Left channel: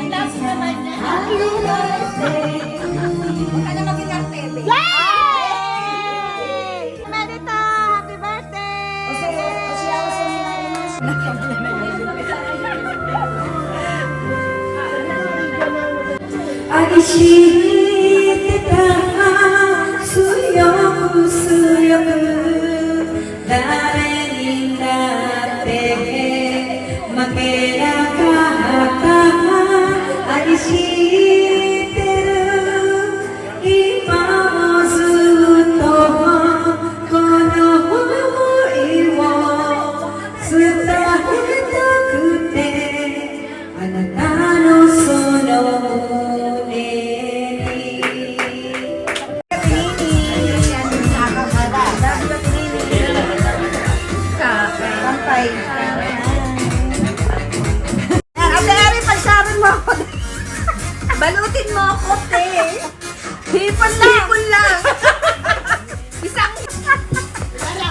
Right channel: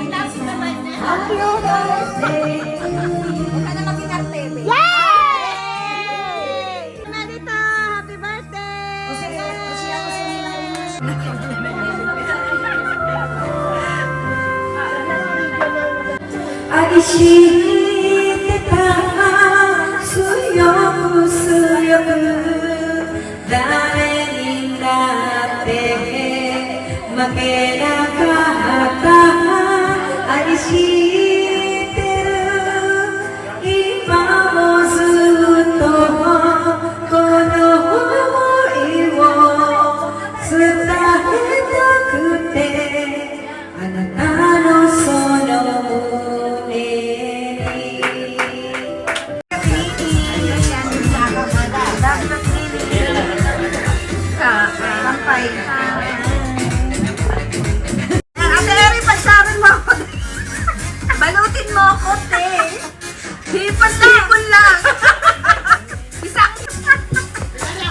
Ang labo naman niya. Happy birthday to you. Ano ka pinartete? Marita, happy birthday! Kasi ako sa nilalimas. 아기시다 수영 수영 나는 나한테 막해나가다 아기시대로 이 마음을 또 거노이워 쓰다 했던 그때 아나타노 소노 Ate Eri, pagsabi mo ako. Balutin mo ako, te. Hipon lang. Isang.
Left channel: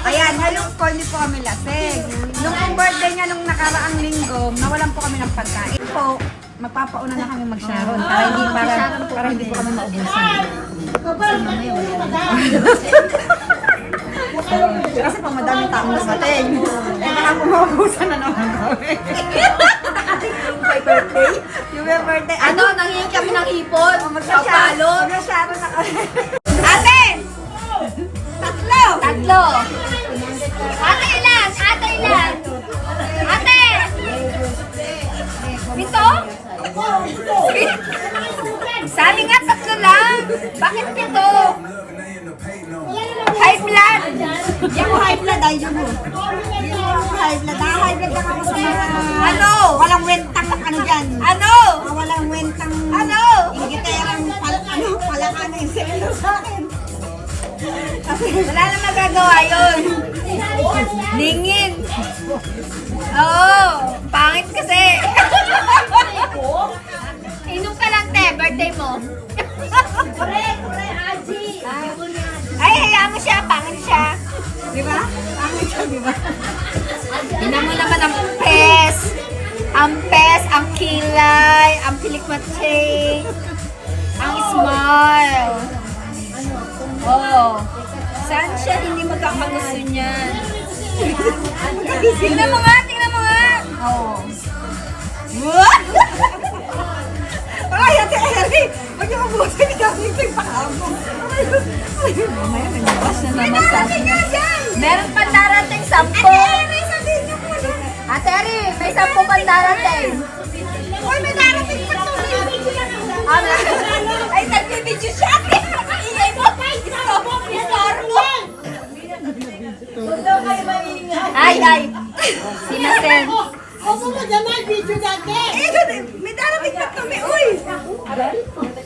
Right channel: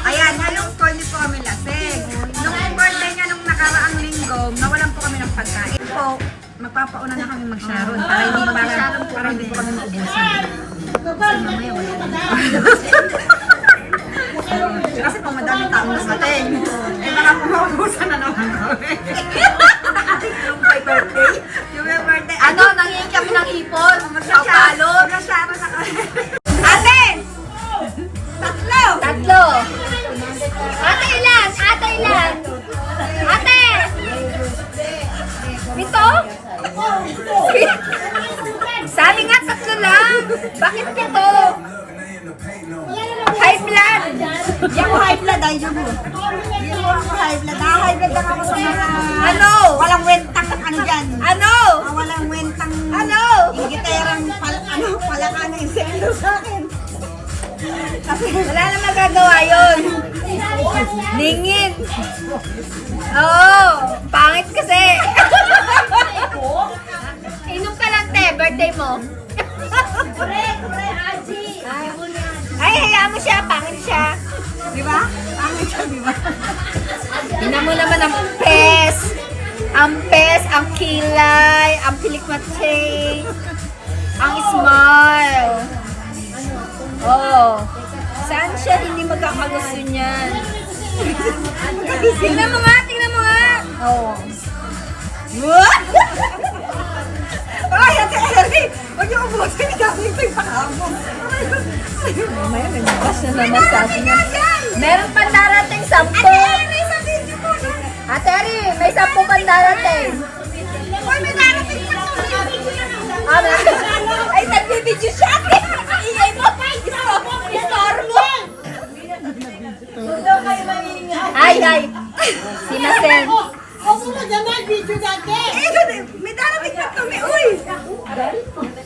Ayan, ngayon po hindi po kami lasing. Nung birthday niya nung nakaraang linggo, nawalan po kami ng pagkain. Po, magpapauna na kami mag-sharon para hindi po kami maubusan. Kasi pang madaming taong nasating. Kaya po maubusan na naman kami. Yung may birthday. Yung may birthday. Ano, nangihin kami ng ipon. Magpapalo. Mag-sharon na kami. Ate! Tatlo. Ate ilan? Ate ilan? Ate! Pito? Sabi nga tatlo lang. Bakit pito? High blood. Yung high blood ay yun mo. Yung high blood. High blood na ako sa mga... Ano? Walang wentang ano dyan. Ano? Walang wentang... Ano? Ingiterang palakan na inselo sa akin. Wala na magagawa yun. Ningin. Oo. Pangit kasi. Inom ka lang, te. Birthday mo. Ay, hayaan mo siya. Pangit siya. Di ba? Pangit siya, di ba? Tingnan mo naman ang pes. Ang pes, ang kilay, ang pilikmatse, ang smile. Oh. Saan siya hindi magkakagusto niyan? Tingnan mo nga, tingnan mo nga. Oh. What? Ay, Ate Eri! Huwag niyo ubusin niya kami pagpakamo. Mamaya, nagbukas na naman sa akin. Meron pa darating 10. Ate Eri, sabihin niyo po. Ate Eri, may 10 pa darating. Uy, may darating pa ito. Ay, nagbibidyo siya. Ingay mo. Ay. Sinasen. Opo mo naman, video dati. May darating pa ito. Uy!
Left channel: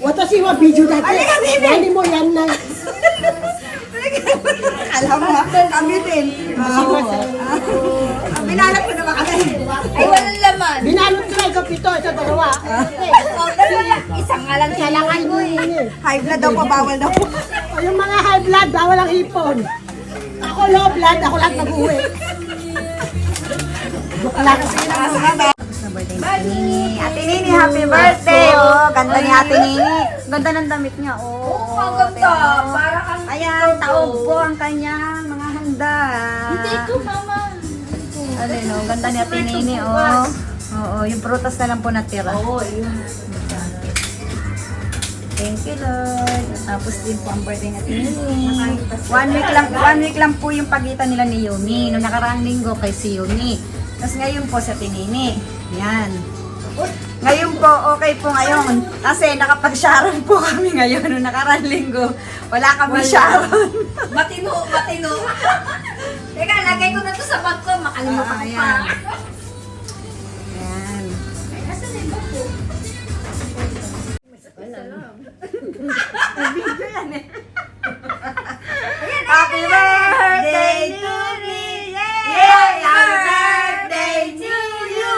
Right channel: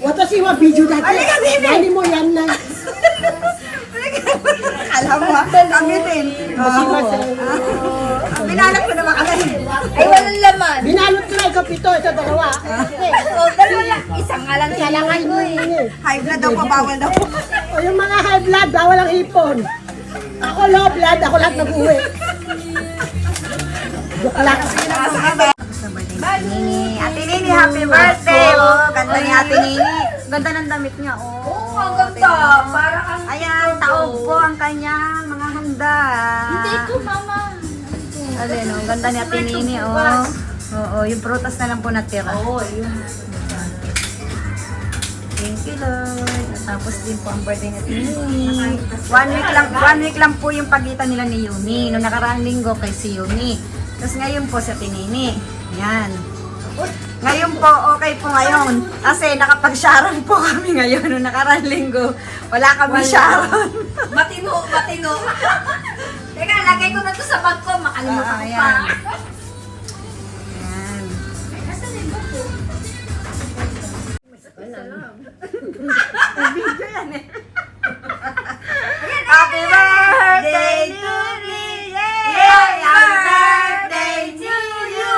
Watashi wa video dati. Halika, Bibi. Nani mo yan na. Alam mo, kami din. Binalak ko naman kasi. Ay, walang laman. Binalot ko na ikaw pito, ito dalawa. Oh, dalawa lang. Isang nga lang kailangan mo eh. High blood daw po, bawal daw. O yung mga high blood, bawal ang ipon. Ako low blood, ako lahat nag-uwi. Wala kasi yun ang sabi. Nini, Ate Nini, happy birthday! Oh, ganda ni Ate Nini. Ganda ng damit niya, oh. Oo, ang ganda. Para kang Ayan, taon po ang kanyang mga handa. Hindi ko, mama. Alin, oh, ganda ni Ate Nini, oh. Oo, yung prutas na lang po natira. Oo, yun. Thank you, Lord. Tapos din po ang birthday ni Ate Nini. 1 week lang po yung pagitan nila ni Yumi. Noong nakaraang linggo kay si Yumi. Tapos ngayon po sa Ate Nini. Yan. Ngayon po, okay po ngayon. Kasi nakapag-sharon po kami ngayon. Noong nakaraang linggo, wala kami sharon. Matino. Teka, lagay ko na to sa bag ko. Makalimutan ko pa. Yan. Nasaan yung bag ko? Video yan eh. Happy birthday to me! Yay! Happy birthday to you!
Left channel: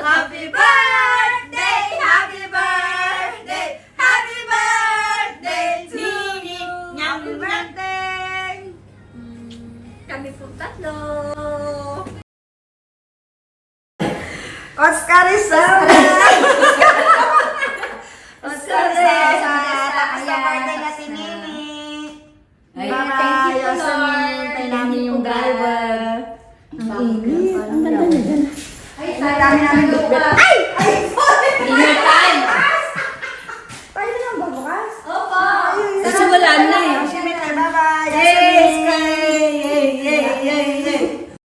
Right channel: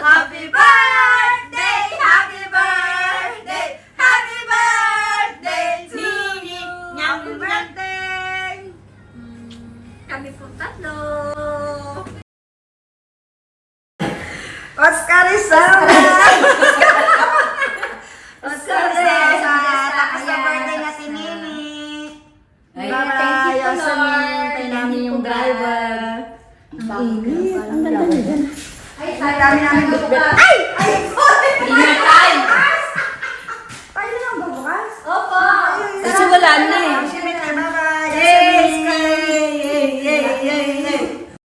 Happy birthday! Happy birthday! Happy birthday to me! Happy birthday! Kami po tatlo. O Oscar Rizal! Oscar Rizal! Tapos na birthday na si Nini. Thank you, Lord. Tayo namin yung driver. Ang init. Ay, Dami namin bitbit. Ay! Dinner time! Tayo na lang ba bukas? Opo! Kasi wala na